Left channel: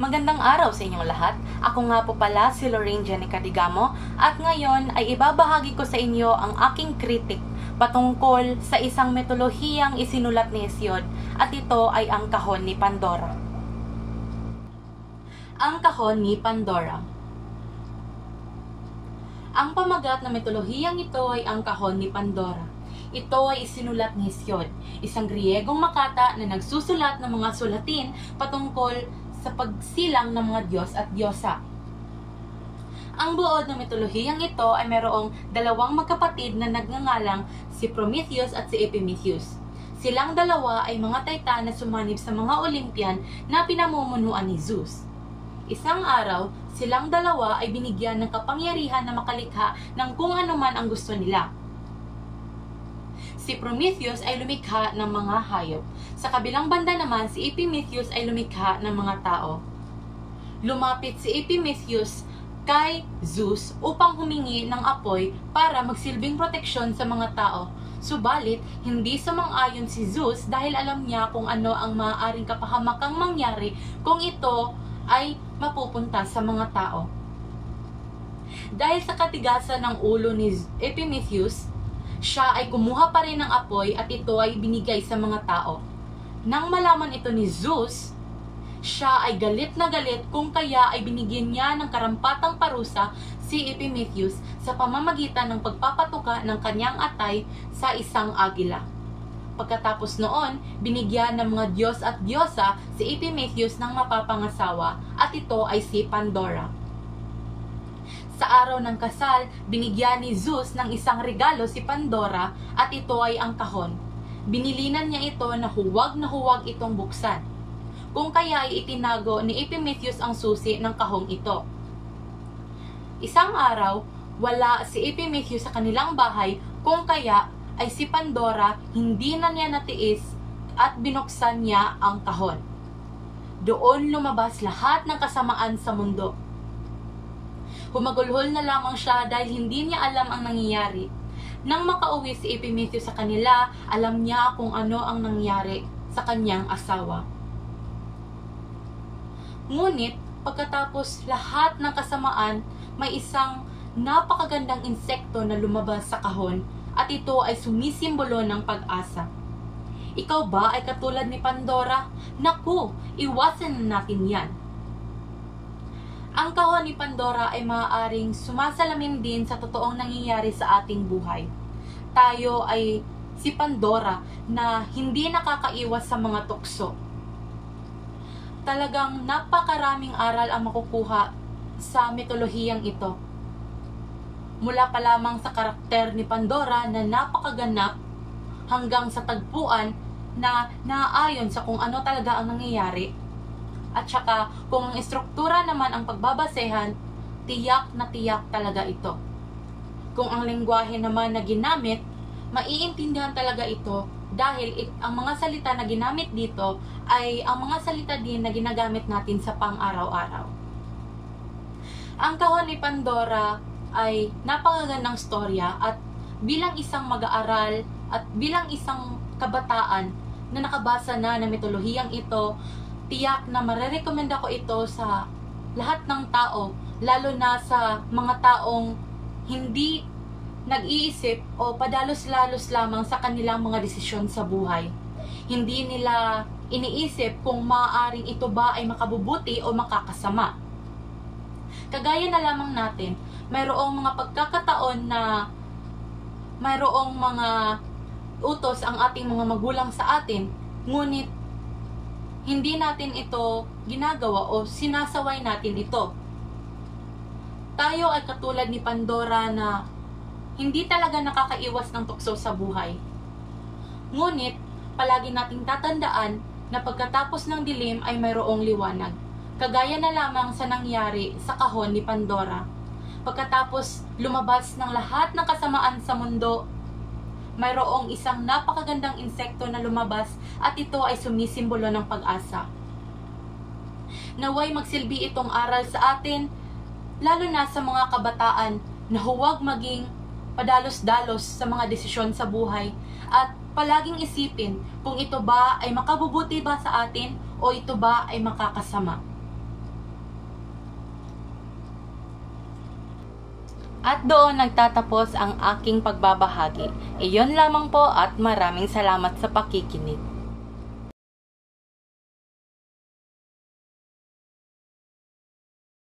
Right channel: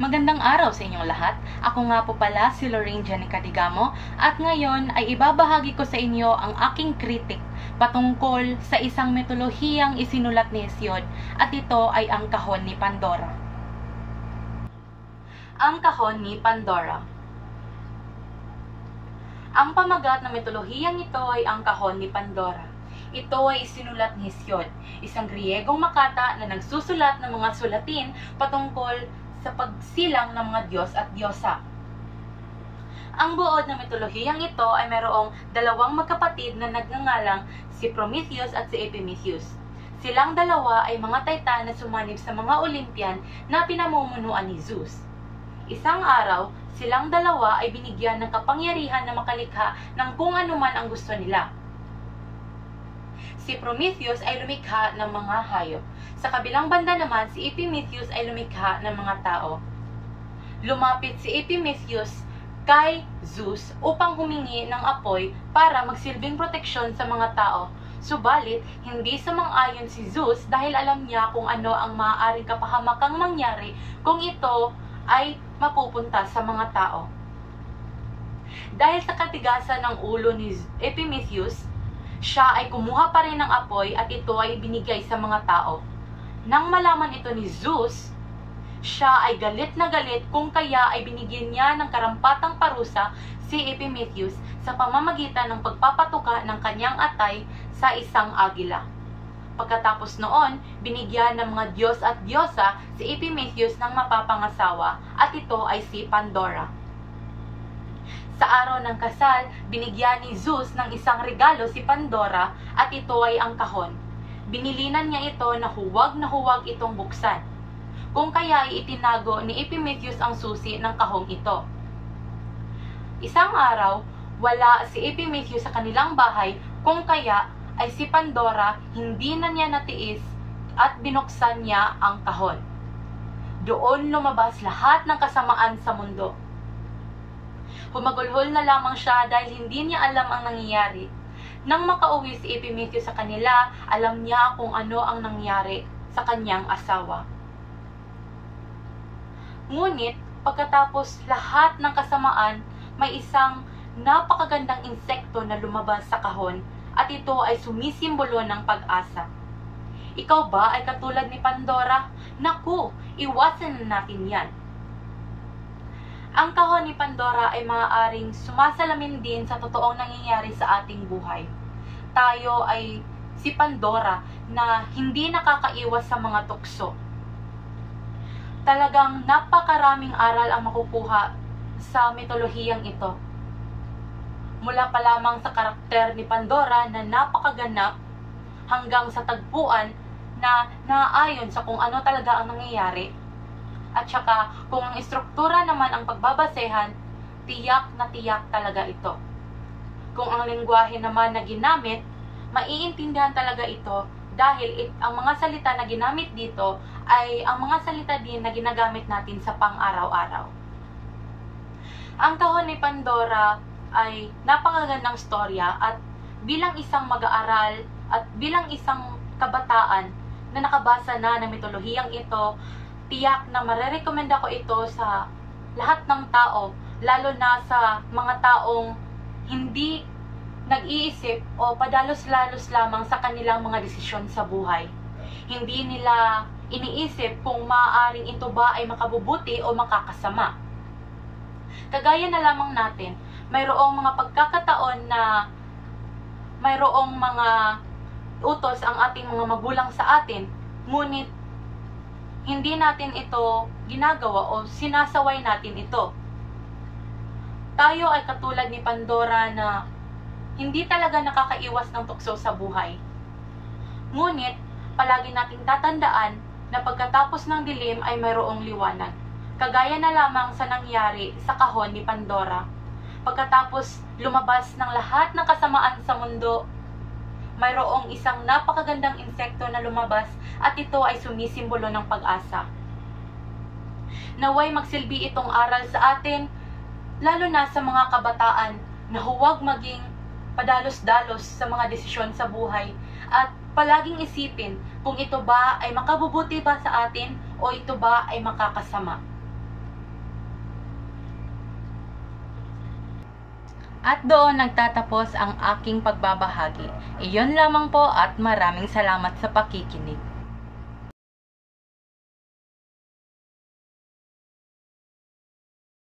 Magandang araw sa inyong lahat. Ako nga po pala si Lorraine Jenica Digamo at ngayon ay ibabahagi ko sa inyo ang aking kritik patungkol sa isang mitolohiyang isinulat ni Hesiod at ito ay ang kahon ni Pandora. Ang kahon ni Pandora. Ang pamagat ng mitolohiyang ito ay ang kahon ni Pandora. Ito ay isinulat ni Hesiod, isang Griyegong makata na nagsusulat ng mga sulatin patungkol sa pagsilang ng mga Diyos at Diyosa. Ang buod ng mitolohiyang ito ay mayroong dalawang magkapatid na nagngangalang si Prometheus at si Epimetheus. Silang dalawa ay mga Titan na sumanib sa mga Olympian na pinamumunuan ni Zeus. Isang araw, silang dalawa ay binigyan ng kapangyarihan na makalikha ng kung ano man ang gusto nila. Si Prometheus ay lumikha ng mga hayop. Sa kabilang banda naman, si Epimetheus ay lumikha ng mga tao. Lumapit si Epimetheus kay Zeus upang humingi ng apoy para magsilbing proteksyon sa mga tao. Subalit, hindi sumang-ayon si Zeus dahil alam niya kung ano ang maaaring kapahamakang mangyari kung ito ay mapupunta sa mga tao. Dahil sa katigasan ng ulo ni Epimetheus, siya ay kumuha pa rin ng apoy at ito ay binigay sa mga tao. Nang malaman ito ni Zeus, siya ay galit na galit kung kaya ay binigyan niya ng karampatang parusa si Epimetheus sa pamamagitan ng pagpapatuka ng kanyang atay sa isang agila. Pagkatapos noon, binigyan ng mga Diyos at Diyosa si Epimetheus ng mapapangasawa at ito ay si Pandora. Sa araw ng kasal, binigyan ni Zeus ng isang regalo si Pandora at ito ay ang kahon. Binilinan niya ito na huwag itong buksan. Kung kaya ay itinago ni Epimetheus ang susi ng kahong ito. Isang araw, wala si Epimetheus sa kanilang bahay kung kaya ay si Pandora hindi na niya natiis at binuksan niya ang kahon. Doon lumabas lahat ng kasamaan sa mundo. Humagulhol na lamang siya dahil hindi niya alam ang nangyayari. Nang makauwi si Epimetheus sa kanila, alam niya kung ano ang nangyari sa kanyang asawa. Ngunit, pagkatapos lahat ng kasamaan, may isang napakagandang insekto na lumabas sa kahon at ito ay sumisimbolo ng pag-asa. Ikaw ba ay katulad ni Pandora? Naku, iwasan na natin yan. Ang kahon ni Pandora ay maaaring sumasalamin din sa totoong nangyayari sa ating buhay. Tayo ay si Pandora na hindi nakakaiwas sa mga tukso. Talagang napakaraming aral ang makukuha sa mitolohiyang ito. Mula pa lamang sa karakter ni Pandora na napakaganap hanggang sa tagpuan na naayon sa kung ano talaga ang nangyayari. At saka, kung ang istruktura naman ang pagbabasehan, tiyak na tiyak talaga ito. Kung ang lengguwahe naman na ginamit, maiintindihan talaga ito dahil ang mga salita na ginamit dito ay ang mga salita din na ginagamit natin sa pang-araw-araw. Ang kahon ni Pandora ay napakagandang storya at bilang isang mag-aaral at bilang isang kabataan na nakabasa na ng mitolohiyang ito, tiyak na marerekomenda ko ito sa lahat ng tao, lalo na sa mga taong hindi nag-iisip o padalos-lalos lamang sa kanilang mga desisyon sa buhay. Hindi nila iniisip kung maaaring ito ba ay makabubuti o makakasama. Kagaya na lamang natin, mayroong mga pagkakataon na mayroong mga utos ang ating mga magulang sa atin, ngunit hindi natin ito ginagawa o sinasaway natin ito. Tayo ay katulad ni Pandora na hindi talaga nakakaiwas ng tukso sa buhay. Ngunit, palagi nating tatandaan na pagkatapos ng dilim ay mayroong liwanag. Kagaya na lamang sa nangyari sa kahon ni Pandora. Pagkatapos lumabas ng lahat ng kasamaan sa mundo, mayroong isang napakagandang insekto na lumabas at ito ay sumisimbolo ng pag-asa. Naway magsilbi itong aral sa atin, lalo na sa mga kabataan na huwag maging padalos-dalos sa mga desisyon sa buhay at palaging isipin kung ito ba ay makabubuti ba sa atin o ito ba ay makakasama. At doon nagtatapos ang aking pagbabahagi. Iyon lamang po at maraming salamat sa pakikinig.